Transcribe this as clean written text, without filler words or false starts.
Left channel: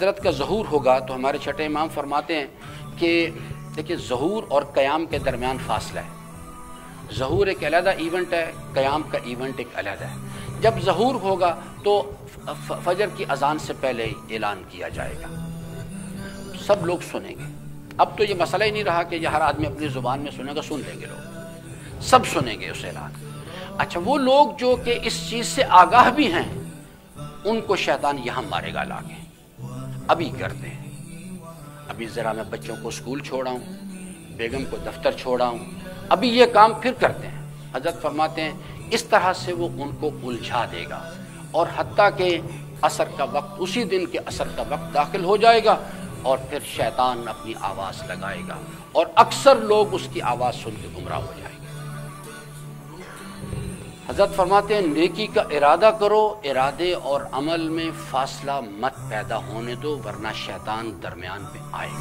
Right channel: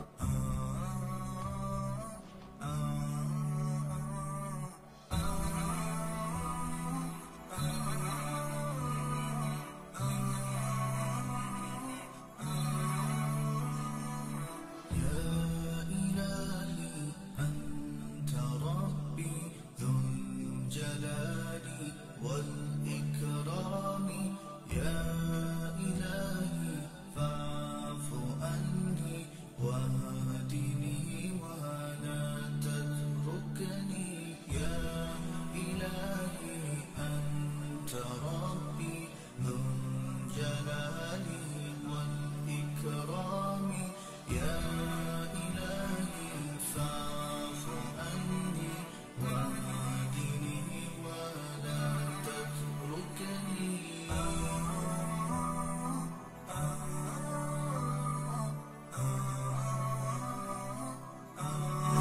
حضرت کا ظہور ہوگا تو ہمارے چھٹے امام فرماتے ہیں کہ دیکھیے ظہور اور قیام کے درمیان فاصلہ ہے. ظہور ایک علیحدہ ایونٹ ہے، قیام کا ایونٹ ایک علیحدہ ہے. جب ظہور ہوگا تو فجر کی اذان سے پہلے اعلان کیا جائے گا، سب لوگ سنیں گے. اب تو یہ مسئلہ ہی نہیں رہا کہ یہ ہر آدمی اپنی زبان میں سنے گا، سن لیں گے لوگ، سب سنیں گے اس اعلان. اچھا وہ لوگ جو کہ اس چیز سے آگاہ بھی ہیں ان کو شیطان یہاں مارے گا لا کے. ابھی کرتے ہیں، ابھی ذرا میں بچوں کو اسکول چھوڑا ہوں، بیگم کو دفتر چھوڑا ہوں، ابھی یہ کام پھر کرتے ہیں. حضرت فرماتے ہیں اس طرح سے وہ ان کو الجھا دے گا، اور حتیٰ کہ عصر کا وقت، اسی دن کے عصر کا وقت داخل ہو جائے گا اور پھر شیطان اپنی آواز لگائے گا اور اکثر لوگ اس کی آواز سن کے گمراہ ہو جائیں گے. حضرت فرماتے ہیں نیکی کا ارادہ کرو، ارادے اور عمل میں فاصلہ مت پیدا ہونے دو ورنہ شیطان درمیان میں آئے گا.